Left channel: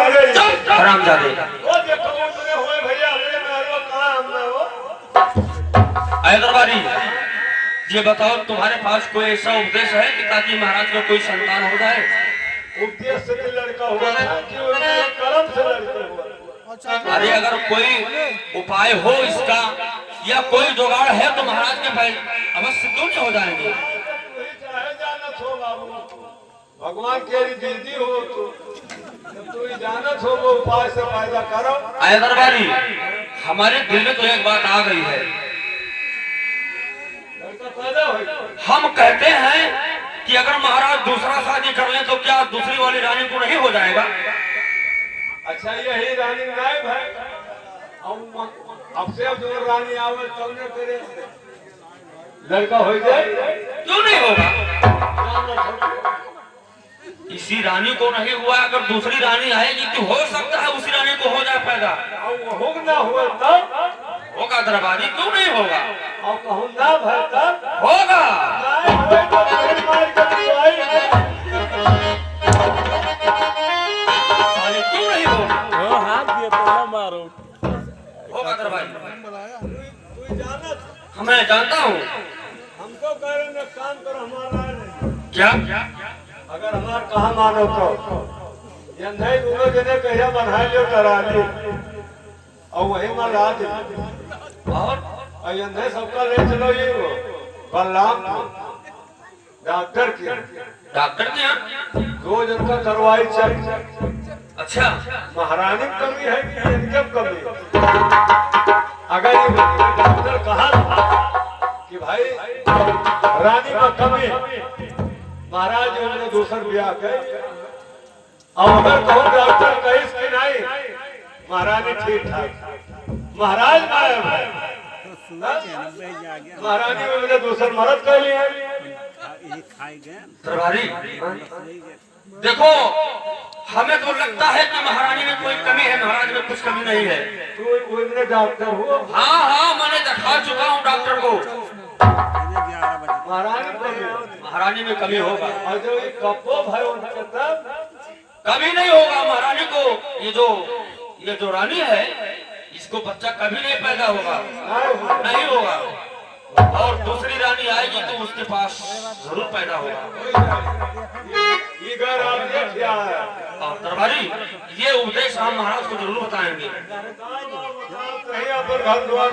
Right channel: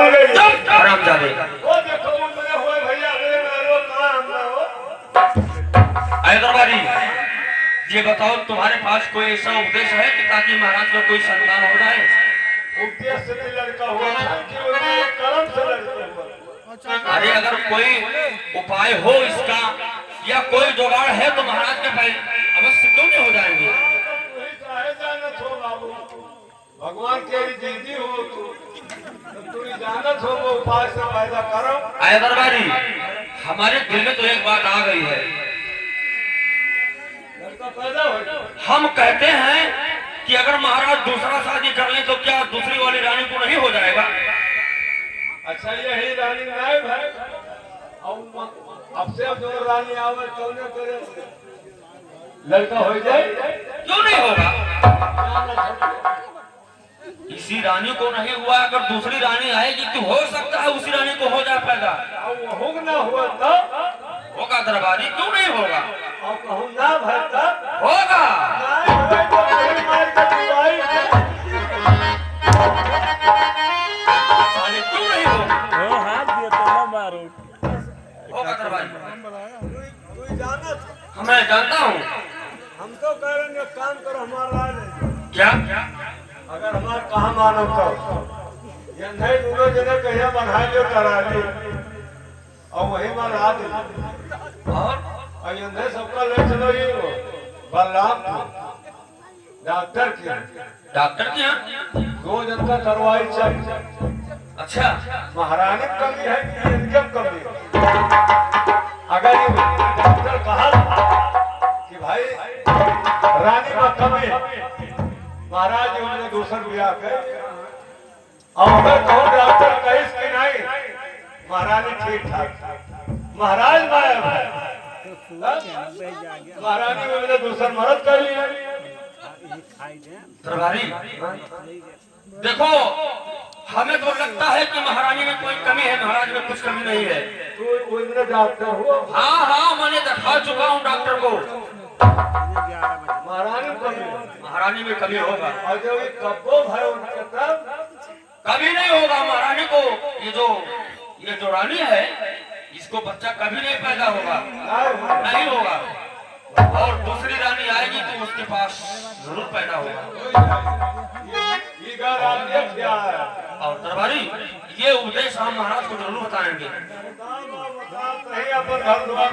हरामजादे। अरे दरबारी, ये बताओ तुम्हारे पास कोई ऐसा उपदेश है कि ताकि महाराज को कोई संतान हो जाए? उपदेश से भी लड़का हुआ कि कर्म से लड़का हुआ। अरे अगर कोई उपाय हो इसका या कोई जुगाड़ है तो महाराज के भाई अवश्य क्यों नहीं हो जाएंगे? भगवान के दीदी हो तो तू जानत हो वो उपाय से फायदा करो। अरे दरबारी, हमारे दिल में तो एक बात आ गई है। हम कहते हैं कि अगर महाराज दूसरा शादी कर लें तो क्या दूसरी वाली रानी को नहीं हो जाएगा? अच्छा यही रानी नहीं भाई, अब से जो रानी आवे तो ने तेरे लड़का हो जाए। क्यों नहीं होगा? इसी रानी को नहीं हुआ, अगर दूसरी रानी आएगी तो हो सकता है उसी रानी को हो जाए पैदा। हो ना हुआ तब होगा दरबारी, क्यों नहीं होगा? और कहूँ ना भाई तब होगा। क्यों नहीं होगा? हाथ दिए तो ना मारो। होगा दरबारी। तू जानत? मैं जानता हूँ। हम तो करेंगे काम करो हमारा नहीं। क्या? अगर हमारा कहा मानो तो ये नहीं दूंगे जिन्हें कहिया बढ़ा लियो करा ली और वही माल ला दे और ये नहीं सबको ले चलो ये बलराम डॉक्टर के यहाँ 2 जनता करवाई चाहिए। अच्छा, महारानी में कमी है कि इनके कमी है? अगर ये डॉक्टर कहा कि भाई रानी में कमी महाराज हमने दूसर ब्याह कर और अगर कहो डॉक्टर कहिस कि नहीं महारानी ठीक ठाक महाराज माया महारानी में मैंने दूसर मरद कर लिया। दरबारी देखो, हमें तो लगता है कि महारानी में कोई कमी है, महाराज में कुछ कमी नहीं है। कोई मेरे डॉक्टर हो? हाँ हाँ, मैंने दिखा चुका हूँ डॉक्टर को। महारानी में कमी होगा। और जो ये कब्बो भाई तब कभी नहीं होगा महारानी को। ये जो रानी है इसको बच्चा कभी नहीं पैदा होगा, नहीं होगा। और दूसरी रानी आएगी तो उसके पास जरूर पैदा होगा। ये घर आप क्या है? और दरबारी, ये उपदेश हम महाराज को जरूर बताएंगे। कहीं अपन घर द्वार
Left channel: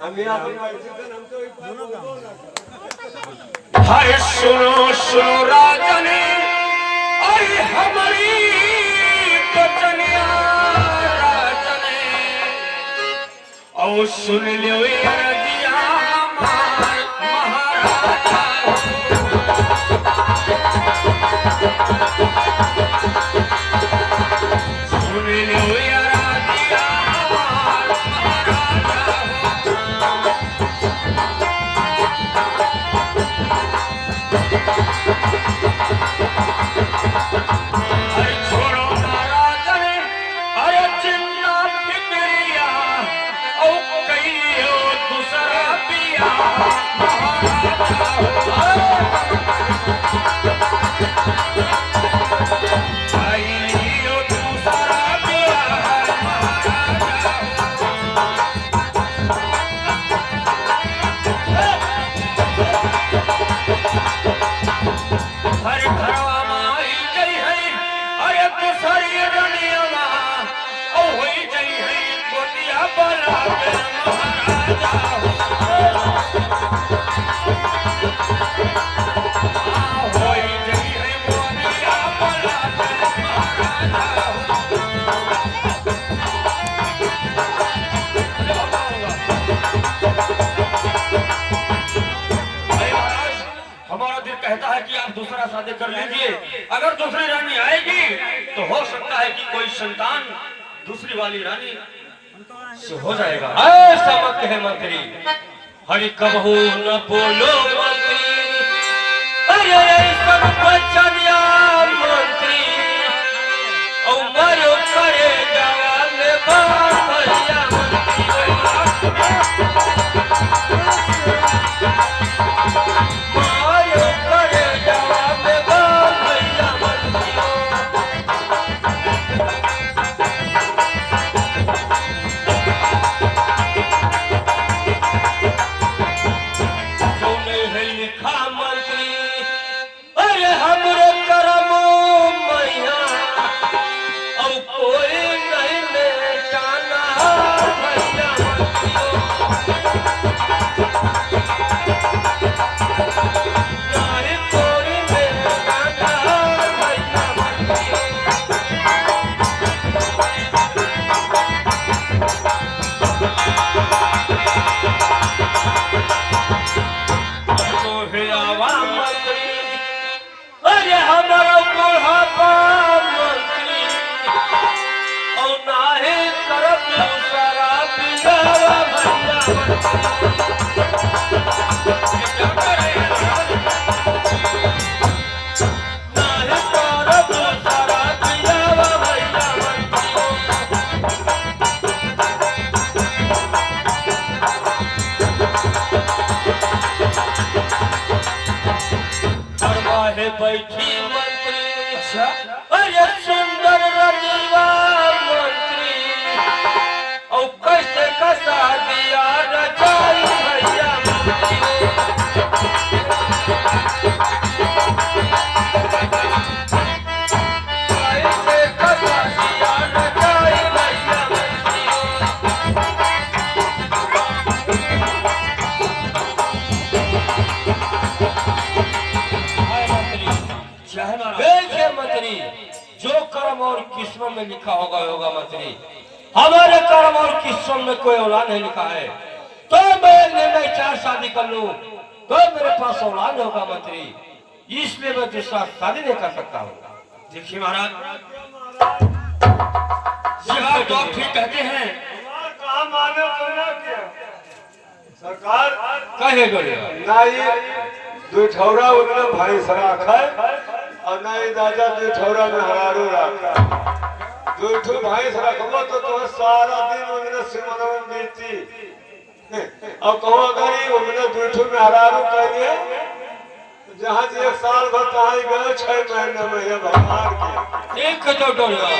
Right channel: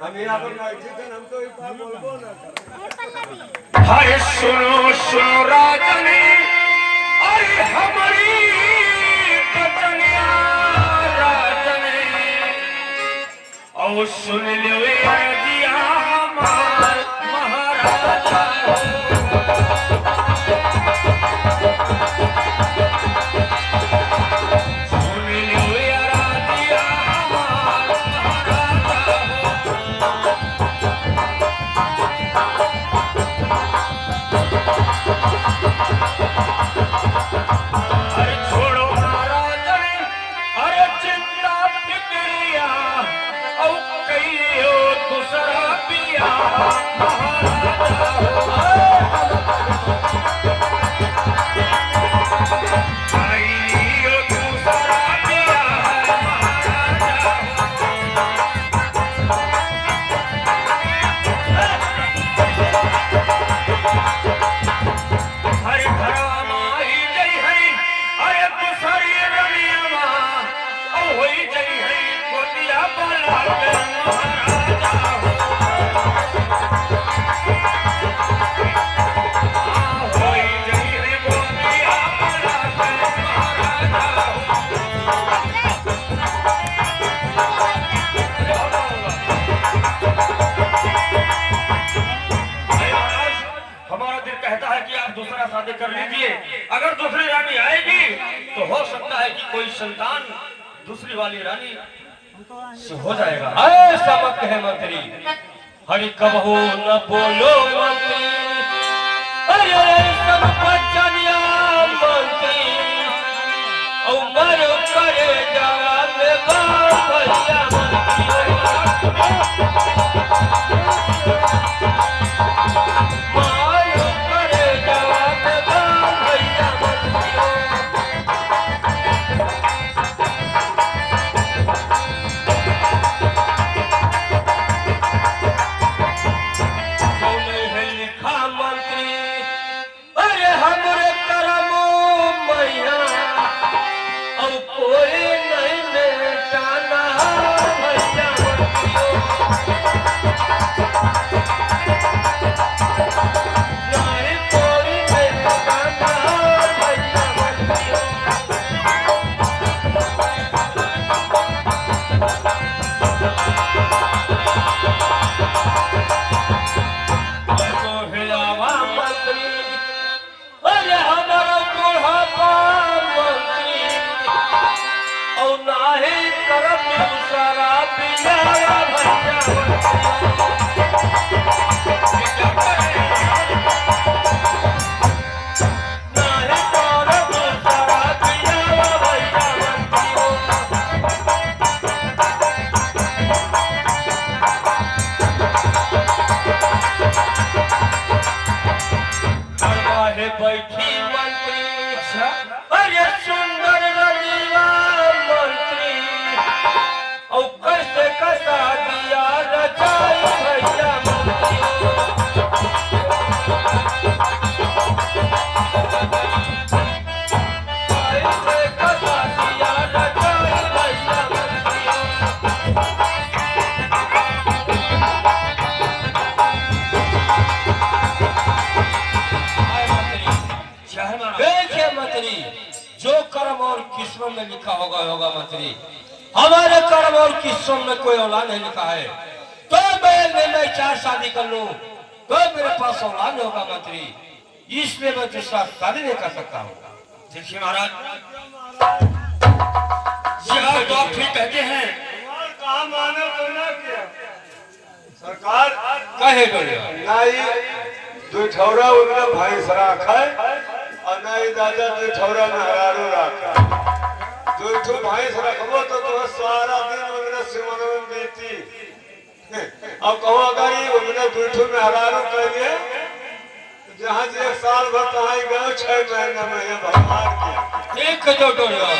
हम यहाँ पर बैठे थे, हम तो एक बार बोलबो ना कर। हरे सुनो सुनो राजनी, अरे हमारी बचनिया राजनी, और सुन लो ये रजिया हमार महाराजा। सुन लो ये रजिया हमार महाराजा। अरे छोड़ो राजनी, अरे चिंता फिक्रिया, और कहियो दूसरा पिया कहियो दूसरा पिया हरे घरवा माई जई है, अरे दूसरी रनिया माँ ओ होई जई है गोतिया बला महाराजा। होई जई है गोतिया बला हमारा दिल कहता है कि आप दूसरा शादी कर लीजिए। अगर दूसरी रानी आएगी तो हो सकता है कि कोई संतान दूसरी वाली रानी से हो जाएगा। ऐसा मत कहे मंत्री, हरि कबहू न बोलो मंत्री, अरे सब बचनिया मंत्री, ओ मरो करे जवान भैया मंत्री। बैठी मंत्री अरे सुंदर रनिया मंत्री और कैसे कसा दिया रजाई भैया कैसे कसा दिया रजाई भैया देखिए मंत्री, जो कर्म और किस्मत में लिखा होगा होगा मंत्री। हमारे कर्म और किस्मत में कोई औलाद नहीं लिखा है, तो मैं चार शादी कर लूं तो मेरे पास औलाद होगा मंत्री, इसलिए मैं दूसरा शादी नहीं कर सकता हूँ। देखिए महाराज, यह तो आप ठीक कहते हैं। कहा माने तो ना किया सरकार कहे गए ना ये दुठौरा उनने भाई सरा खाए और ना ही दादा दुठौरा में हरारो रखा दुठो भाई सरा खबो तो तुम्हें सारा दिन उनने सिमरों में बीती और कहो अगर ही उनने दुठो में हरारो कर दिया जहाँ से एक साल भर कहाँ गए 6 महीने में ये भगवान के एक जो डोला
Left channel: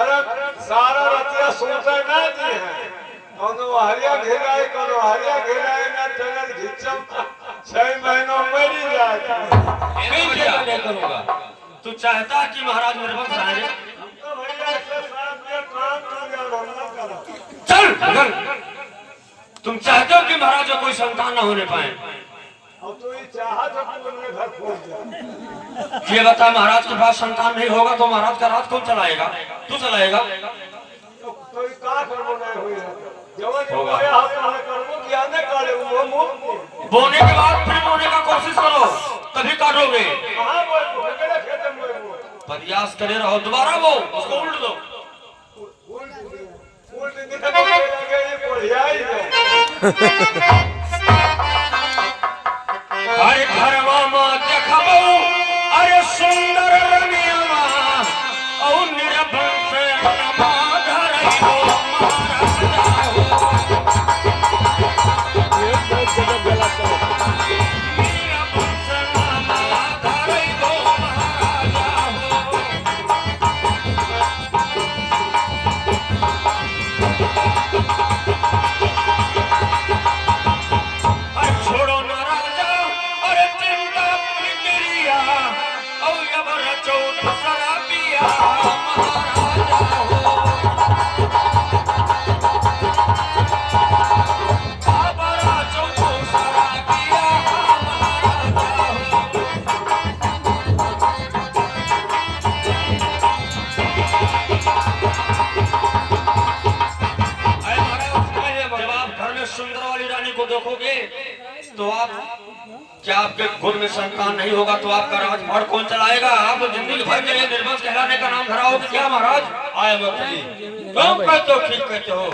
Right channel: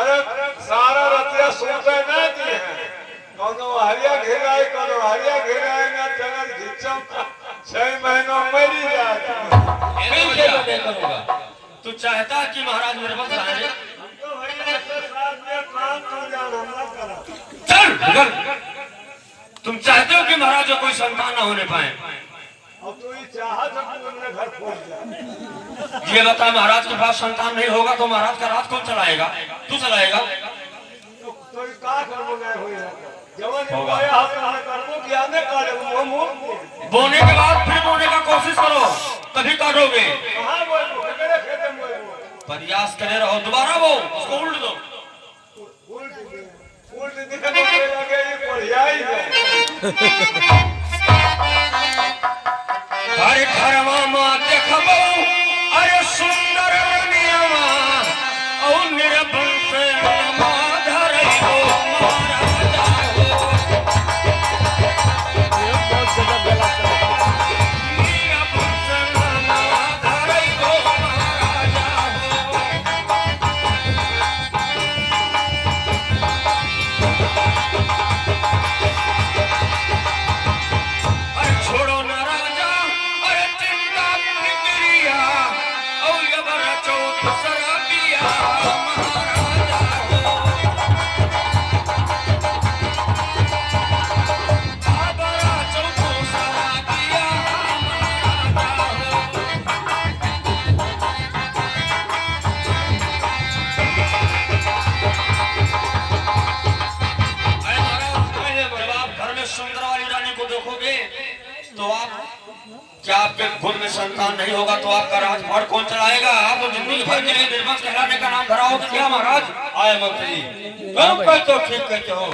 अरे सारा रतिया सोचा ना दिए हैं कोनो हरिया घेराए कोनो हरिया घेराए ना चलन घिचम 6 महीनों में मरी जाता फिर क्या मैं करूँगा? तू चाहता कि महाराज मेरे पास आ जाए? तो भैया ऐसे साथ में काम कर गया हमला करा चल तुम चाहते हो कि महाराज को कोई संतान न होने पाए? अब तो ये चाहा जब तुमने घर खोल दिया ये बता, महाराज के पास संतान नहीं होगा तो महाराज का राज कौन चलाएगा? तू चलाएगा? तो ये का करबो नहीं होई जवन होगा। ये हाथ में करबो क्या ने करे वो मुंह बोने के बाद फिर बोने का कोशिश करो, तभी काटोगे। कहां वो मेरे खेत में वो प्रयास करे रहो, दोबारा वो उसको उल्ट दो। उल्ट के लगे ये बढ़िया ही है अरे घरवा में देखबो अरे सुंदर रनिया और निर्बल से नमा धरइबो एक बहुत जगह गला चला निर्बल से नमा धरइबो अरे छोड़ो ना राजा, अरे चिंता फिक्रिया और यबर चौथ शराबिया महाराजा हो। बाबरा चौथ शराबिया महाराजा हो। अरे महाराज, जब आप घर में सुंदर वाली रानी को देखोगे तो आप क्या आपके कुल में संतान नहीं होगा तो आपका राजपाट कौन चलाएगा? आप जिंदगी भर के लिए निर्वंश कहलाने का नाम धरा हो तो क्या महाराज? आए मंत्री, तुम कहते हो ठीक कहते हो,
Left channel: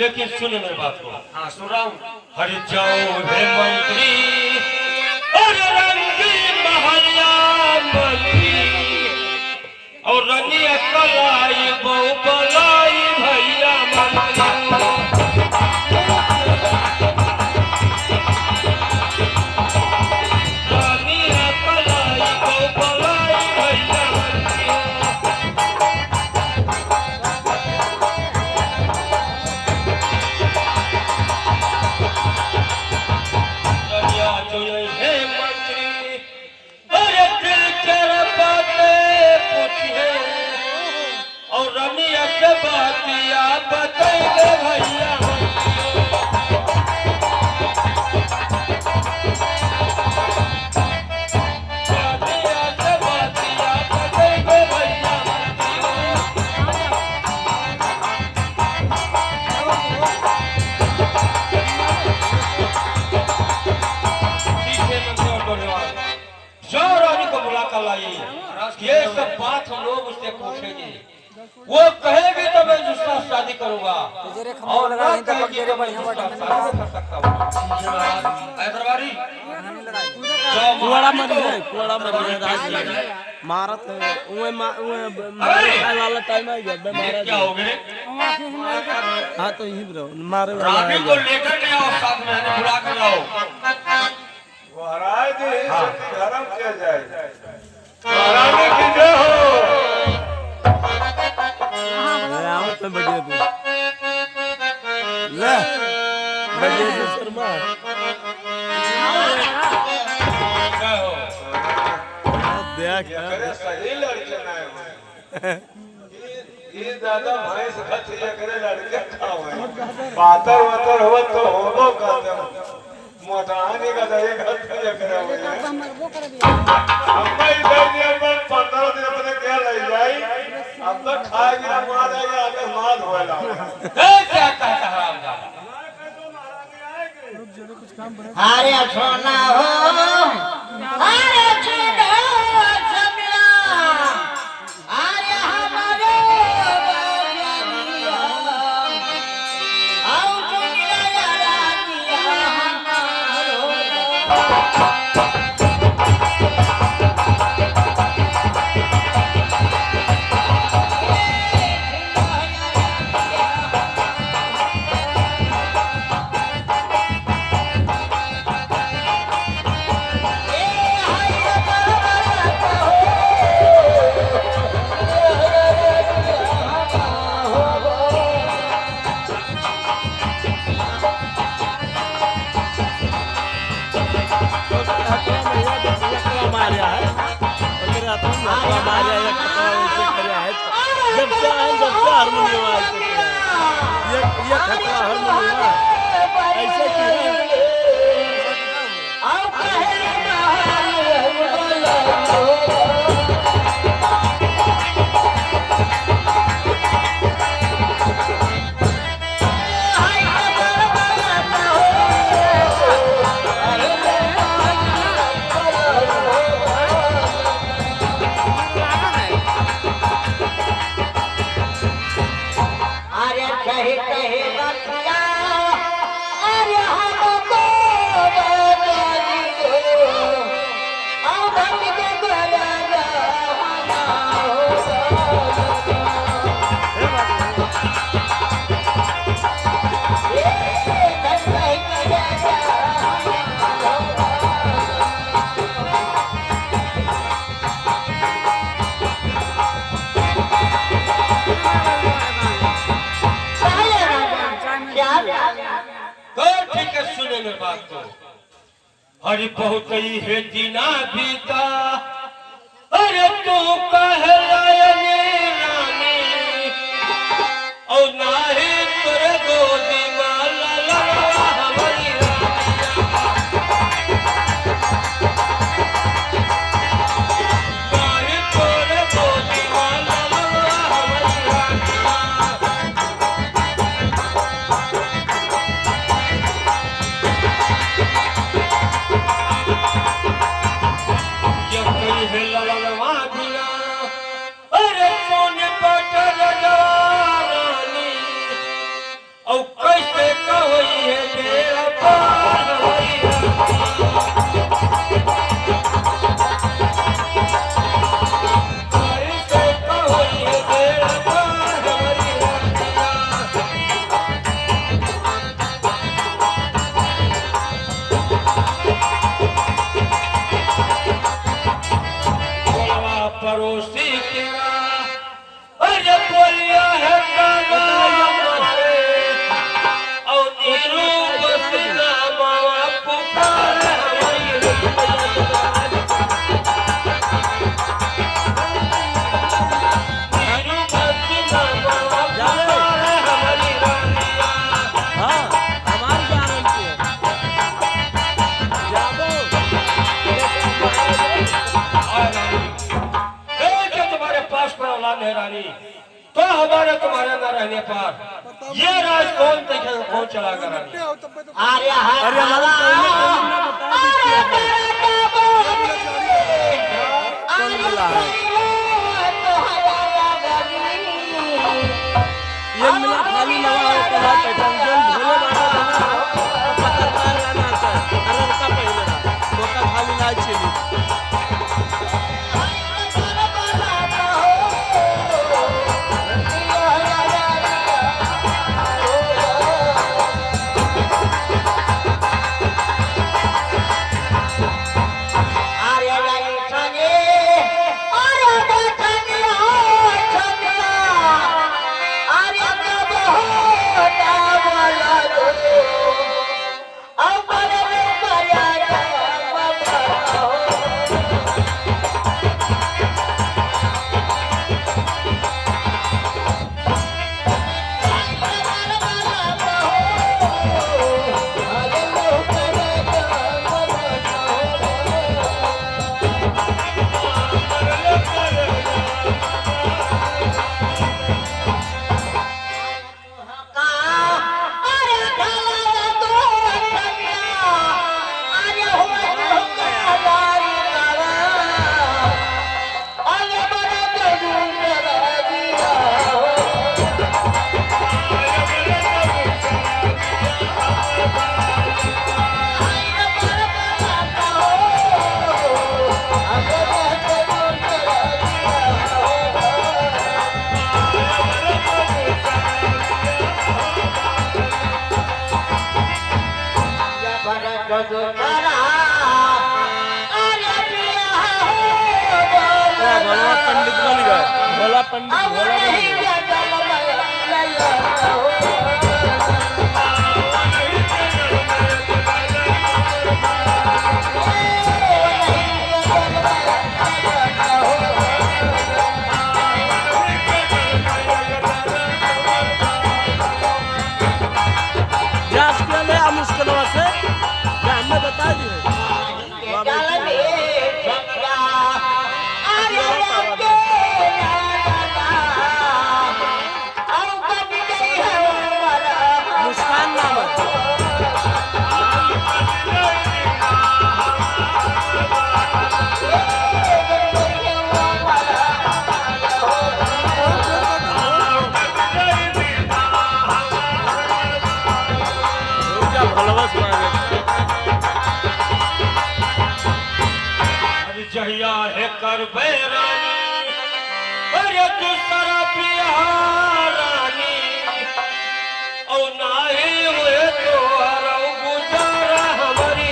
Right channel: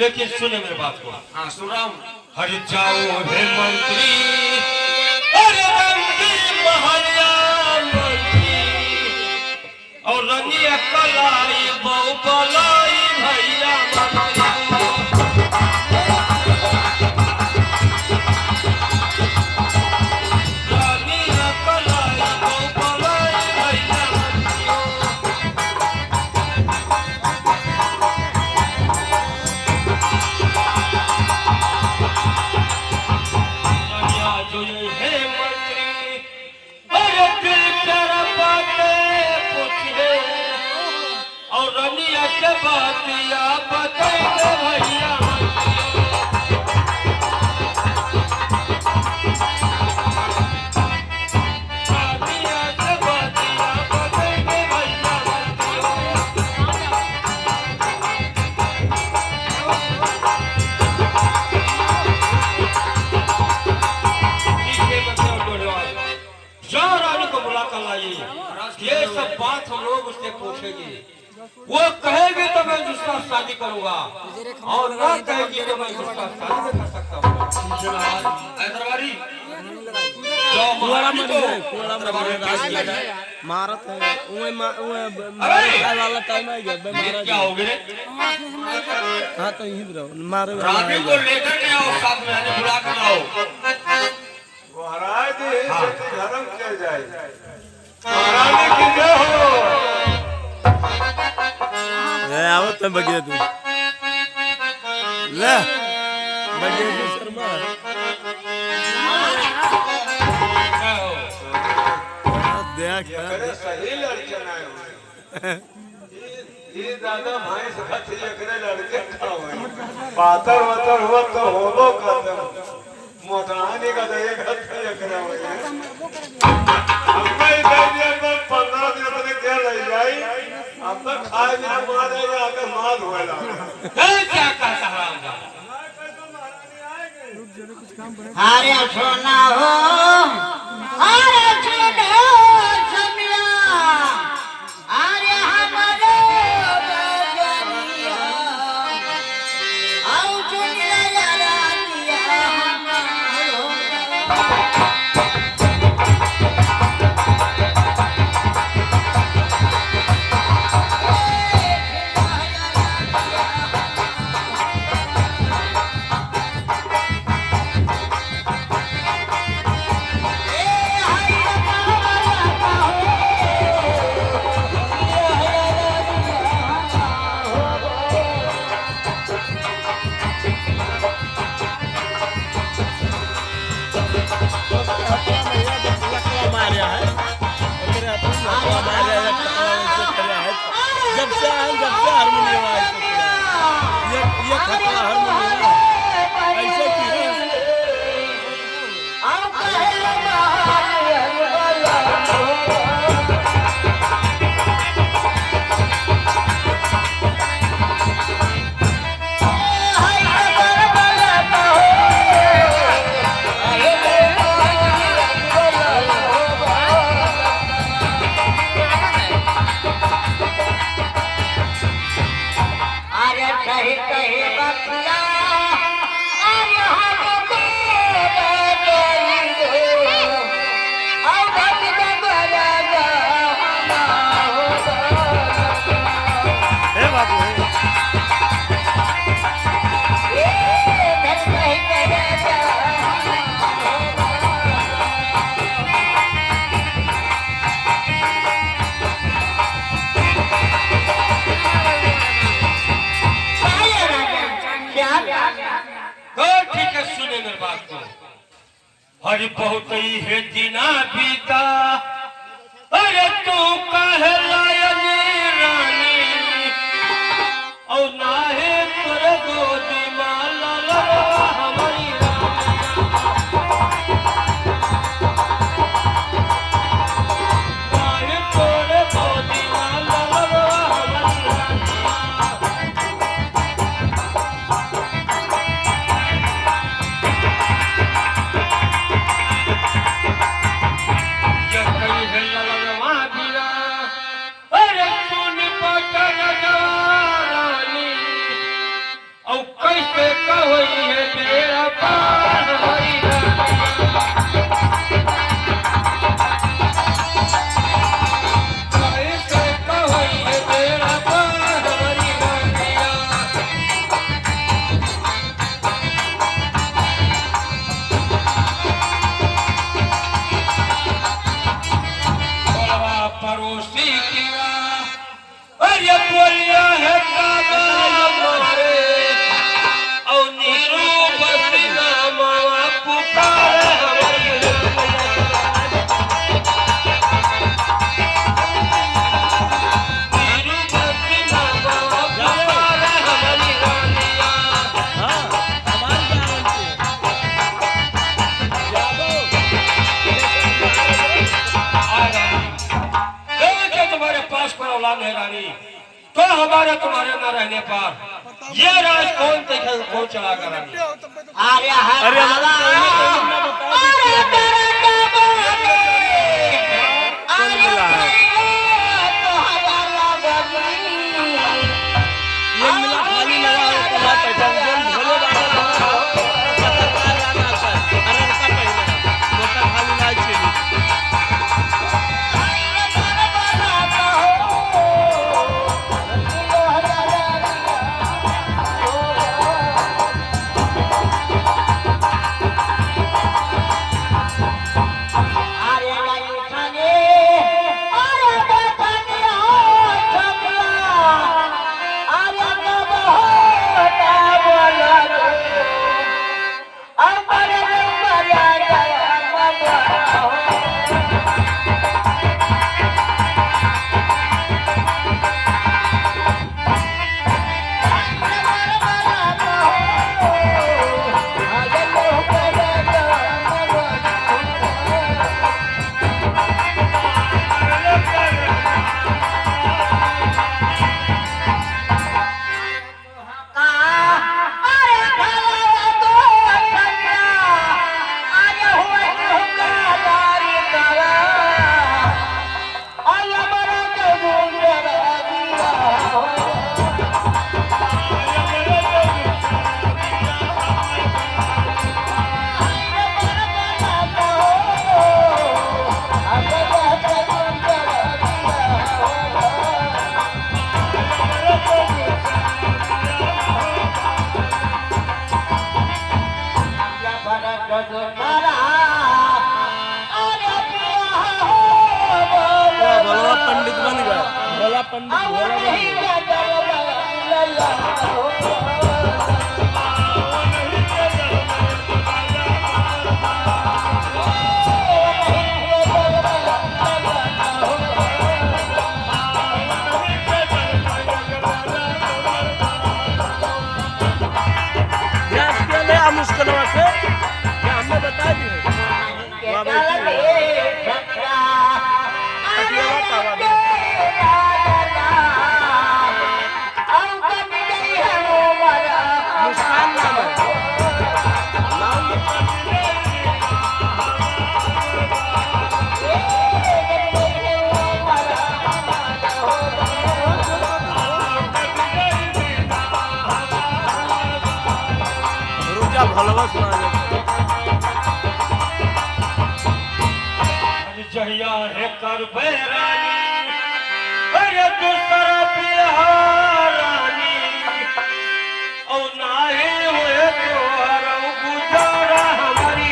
लेकिन सुने मेरी बात को। हाँ सुन रहा हूँ। हरि जाओ हे मंत्री, अरे रणदीप हरिया मंत्री, और रनिया कलाई बहु बलाई भैया मंत्री। रनिया कलाई बहु बलाई भैया मंत्री। रनिया जो हे मंत्री, अरे दिल कर बातें पूछे और रनिया के बातिया बताइए भैया। रनिया के बातिया बताइए भैया। पीछे मंत्री और डोलेवाल, जो रानी को बुला कर लाई, ये सब बात हम लोग उससे पूछेंगे, वो कहेगी तो मैं दूसरा शादी करूंगा, और ना कहे कि मैं शादी कर सकता हूँ। हैदराबादी कुआड़ा मरी है राज मारत है उए मारे खाए वाला टाइम आ गया बेमारा क्या हो गए हाँ तो यही रहो मारे वाला आ रानी को गया लेकर के आओ साथ में आने बुला कर लाओ महाराज धर्म किया जाए महाराज की जय हो आओ तो बजे तू ले बजे तू शर्मा देख सही लड़के आए हो ये दादा भाई से खत ये करे लड़के खाओ पातर वातर हो तो होबो कातर मोटाने का दे खत ये करे हो अम्मा इधर दिया 15 दिन में क्या रह जाई अब तक खाए बिना मार जाए आके मार होएला क्या कहता है अरे सोना हो अरे सोना हो समिया अरे हमारे बाजरिया आओ चुनिया यारा दिया मारिया है और तेरे हाथों में लकड़ा मारिया या खतवा वैसे खड़ा है जब से हारमोनियम ऐसे किया है ये खतवा हारमोनियम ऐसे की है आओ अरे कहे कहे बतिया अरे हमको आओ धन के गोला हे बाबू तो ठीक है सुने मेरी बात को हरि बहुत ही है दीना बीता अरे तू कहे लायनी रानी और ना है तोरे गोदी माला लगा हमारी रानी तोरे गोदी माला लगा हमारी कैसे कही है तेरा पार होई कैसे कही है तेरा पार होई पड़ोसी की अरे बोलिया है कागलिया मोरे और नीरू बसिना मावा पुकार नीरू बसिना मावा पुकार हमारी रानिया हाँ हमारी गारंटी है जाबो तुम्हारे पास कोई औलाद है रानी तो हमारे तुम्हारे न रहने पर ये राज कौन देखेगा कौन चलाएगा रानी अरे हमारे पहले ना बता दीजिए कौन मिला है ये मिला खाली नवा है का नाही पहचान जो भोले बाबा बना रहा तो पता काय राहणार काय अरे का पहिले ना मोठा खाली नाही चली भोला पंडित बन गए भोला पंडित भोला बन गए जांच के लिए हम मुश्किलों से क्या हमने बता दिए वहाँ बैठी अकेला पावा दे मुस्कान नाम है रुका भलवस मांगे जहिया है कर बैरानी अरे तू सरा पिया रानी औ नाहे होए तो हरौ गुजारा हमारी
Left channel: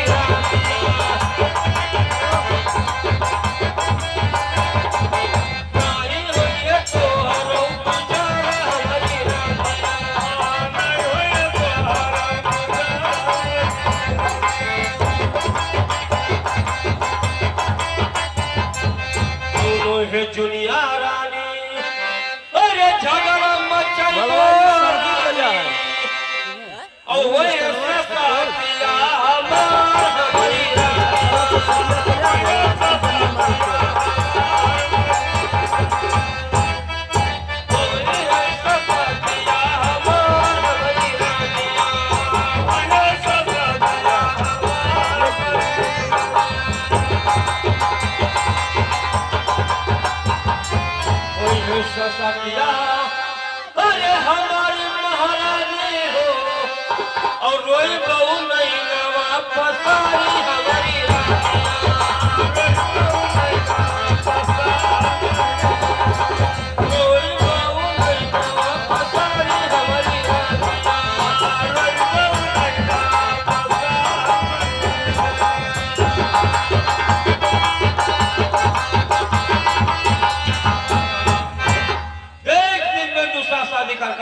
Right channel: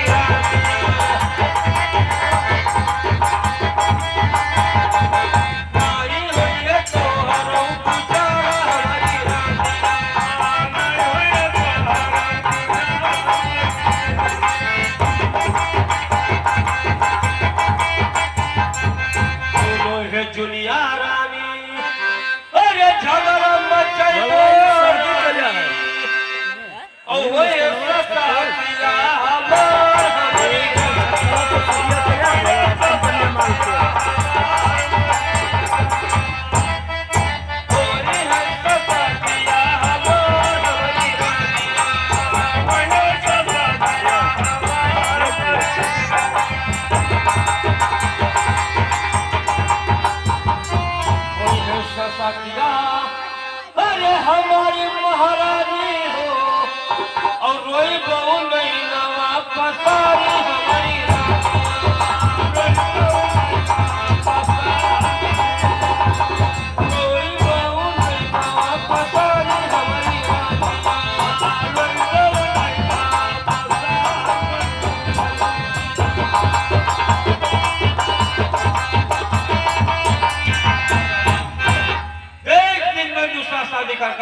नाहे होए तो हरौ गुजारा हमारी है जुनिया रानी अरे झगड़ा मचाई भलवान शादी करिया है ओ ये सतातिया हमारी थोड़ा सा शादी करिया भलवान कंपनी माल के सतिया अरे हमारी महारानी हो और रोई बहु नहीं नवा पसारी हमारी रोई बहु नहीं नवा पसारी हमारी शादी कर